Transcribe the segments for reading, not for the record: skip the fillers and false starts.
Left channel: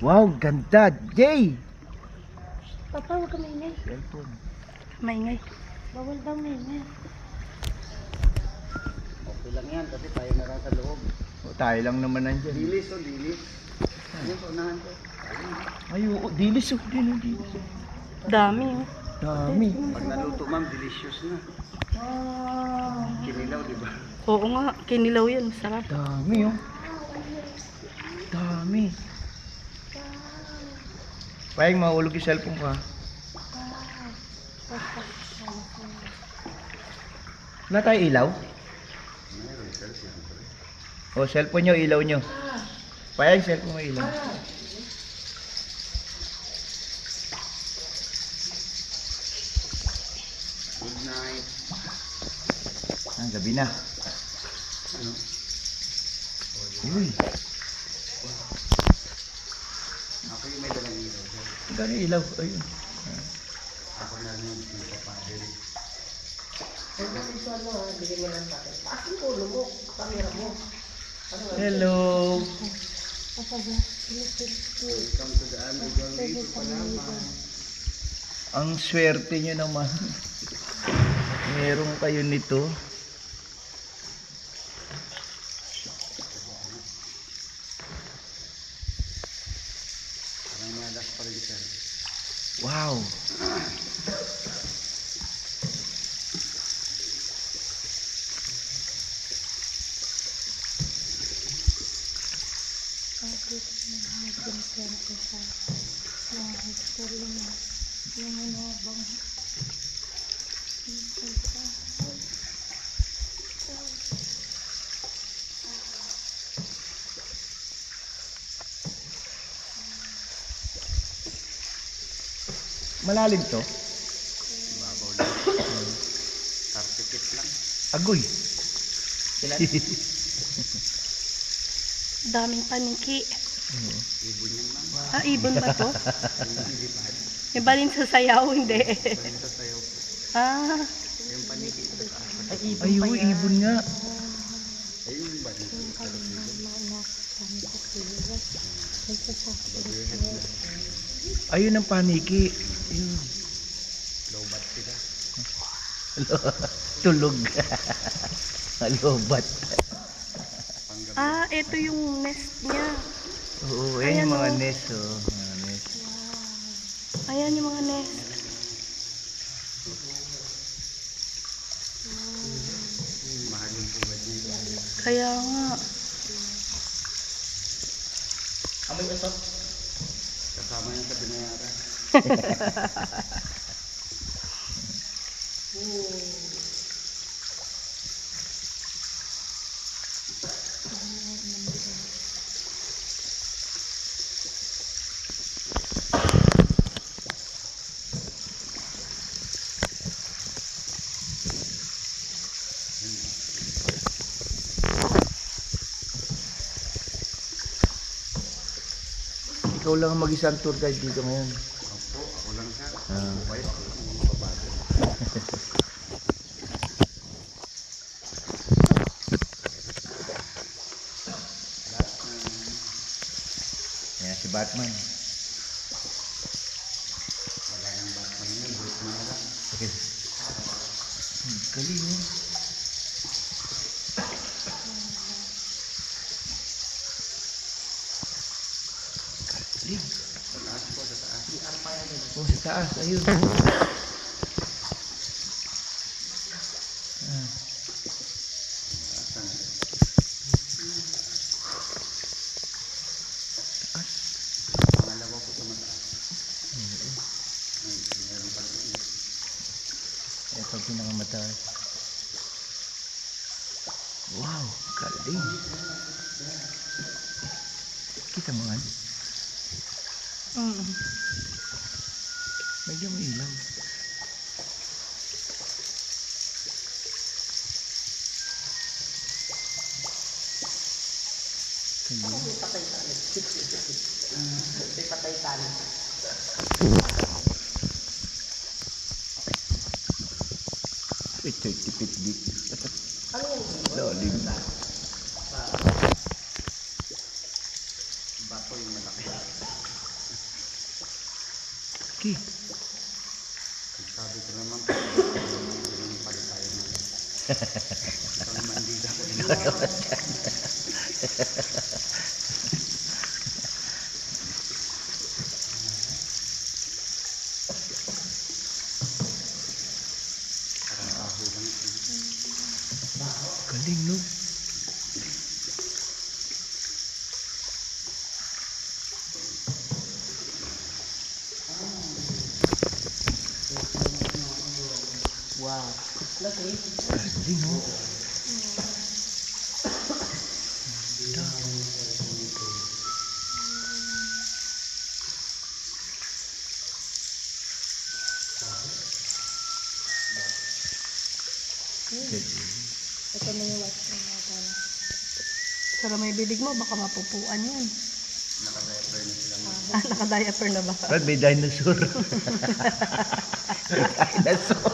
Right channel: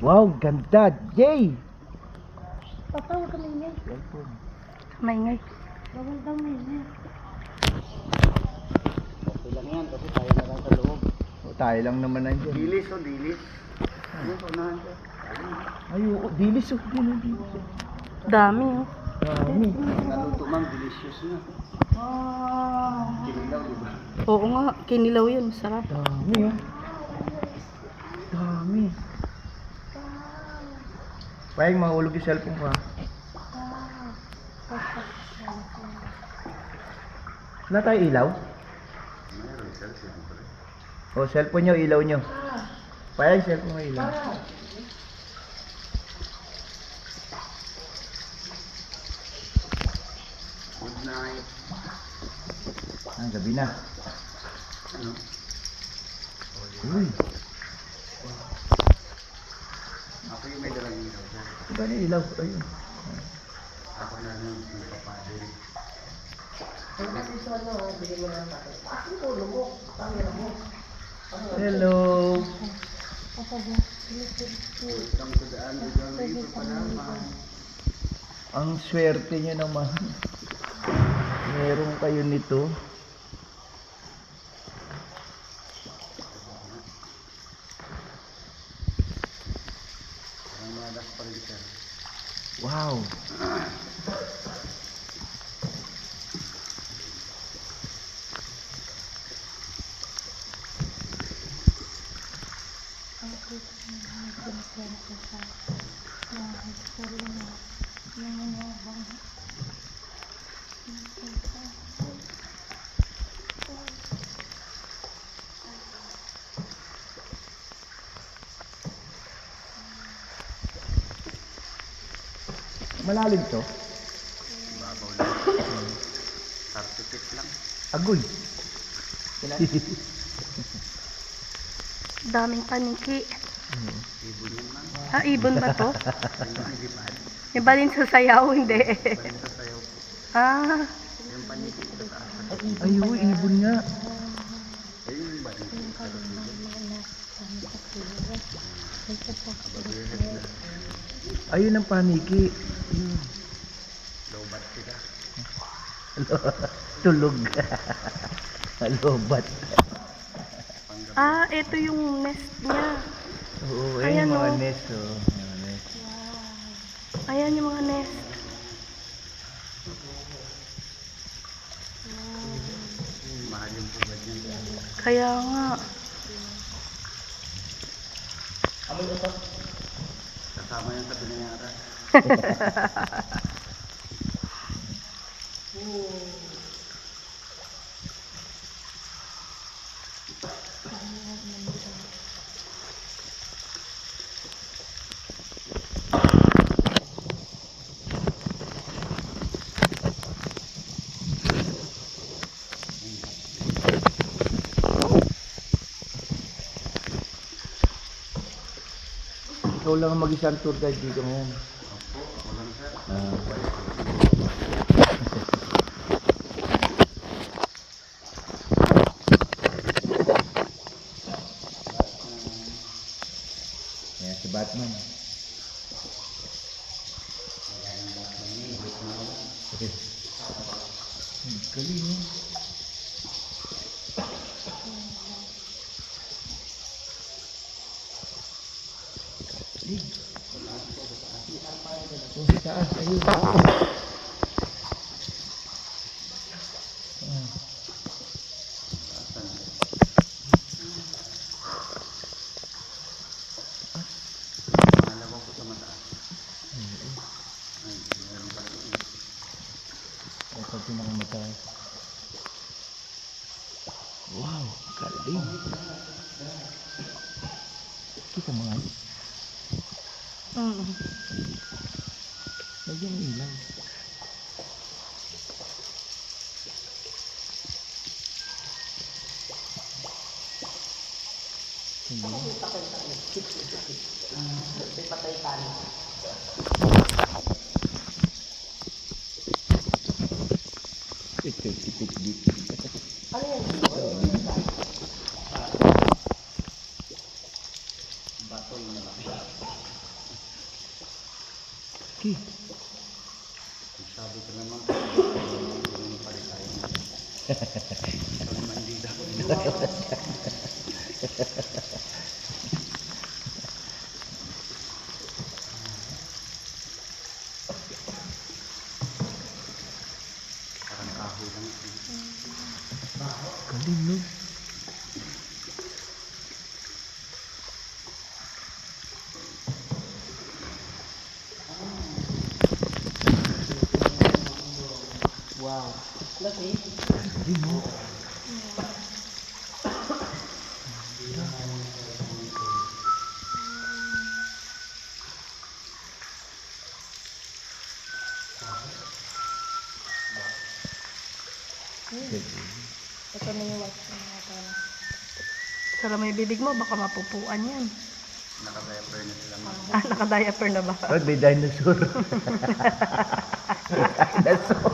Wow, ganda. Jay! Papa, huwag ka maingay. Cellphone. Maingay. Bawal daw maingay. Okay lang yan kasi tayo na lang sa loob. O, tayo lang naman nandyan. Dilis o dilis. Ano po unahan ka? Ay, oo. Dilis oh. Dilis. Dami oh. Dami. Pag naluto ma'am, delicious na. Kinilaw, di ba? Oo nga, kinilaw yan. Masarap. Dami oh. Dami. Payag, mahulog yung cellphone ko ha. Wala tayo ilaw? Mayroon, sir, siyempre. O, cellphone nyo, ilaw nyo. Payag, cellphone mo ilaw. Good night. Gabi na. Ano? Uy, Ako yung may dalang ilaw, sir. gano'n yung ilaw? Ayun. Ako na lang yung kapadiri. Hello. Welcome to the Underground River Palaman. Ang swerte nyo naman. Meron kayo nito. Parang malas pa rin, sir. Wow. Malalim to? Babaw lang. 30 feet lang. Agoy. Daming paniki. Ibon yan, ma'am. Ah, ibon ba to? Hindi pa. May balin sa sayaw, hindi. Balik sa sayaw po. Ah, Yung paniki sa taas. Ay, uy, ibon nga. Ayun yung balik. Ayun ang paniki. Ayun. Low bat sila. Tulog. Lobat. Panggabi. ah, ito yung nest niya. Oo, Ayan, ayun yung mga oh. nest. Oh. Mga nest. Ayan yung mga nest. Mahal yung pugad niya. Kaya nga. Kasama yan sa binayaran. Ikaw lang ang mag-isang tour guide dito ngayon. Opo, ako lang, sir. Ah. Ayan si Batman. Wala nang Batman yun. Group na lang. Galing oh. Galing. Sa taas po, sa taas. Oh, sa taas. Ayun. Ah. Taasan. Pangalawa po sa mataas. Ay, meron pala yun. Ito ang pinakamataas. Wow, galing. Kita mo nga. Mm. Medyo may ilaw. Ito'y tipid dito. Loading. Bato yung malaki. Laki. Sabi ko naman po, yung palit tayo na. Ito naman hindi ako din. Parang kahoy lang ito. Galing, no? Wow. Laki. Galing, no? Ito na yung white na natin. Sara may bibig mo, baka mapupuan yan. Naka-diaper na sila mga. Ah, naka-diaper na ba? Brad, may dinosaur. May dinosaur.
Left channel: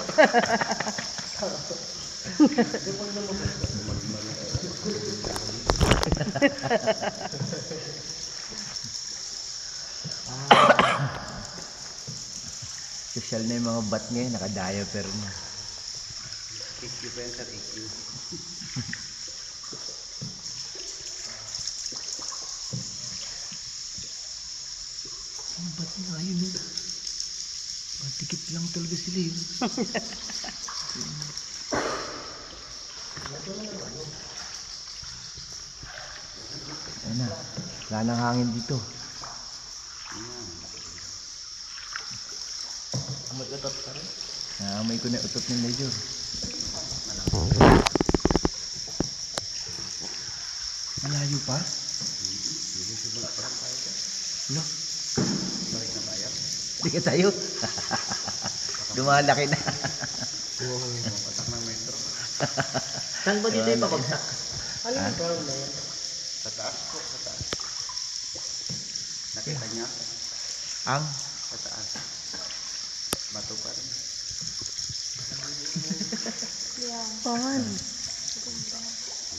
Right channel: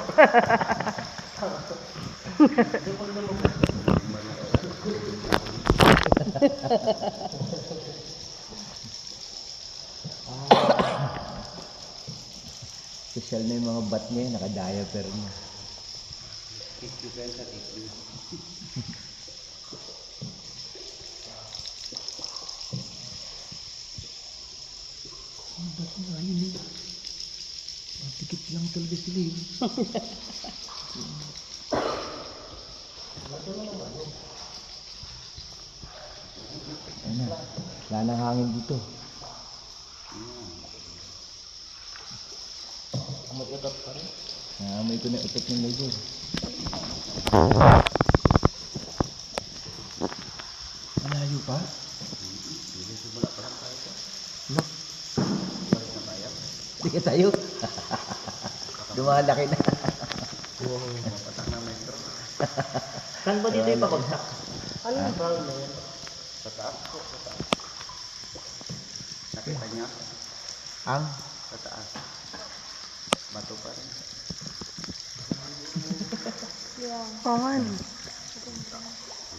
Social na yung mga bat ngayon, naka-diaper na. IQ pa yan, sir, IQ. Ang bat na ayun eh. Matikip lang talaga sila eh. Ayun na, wala nang hangin dito. Mag-utot pa rin. Naamoy ko na utot ng Major. Malayo pa? Hindi, subala pa lang tayo, sir. No, Balik na tayo. hindi ka tayo. Lumalaki na. Patak ng metro. Saan ba dito yung pabagsak? Ano yung brown na yan? Sa taas po, sa taas. Nakita niya? Ang Sa taas. Bato pa rin. Pangan.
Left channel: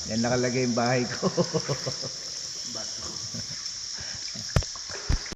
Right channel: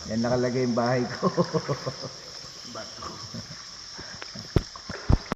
yan nakalagay yung bahay ko.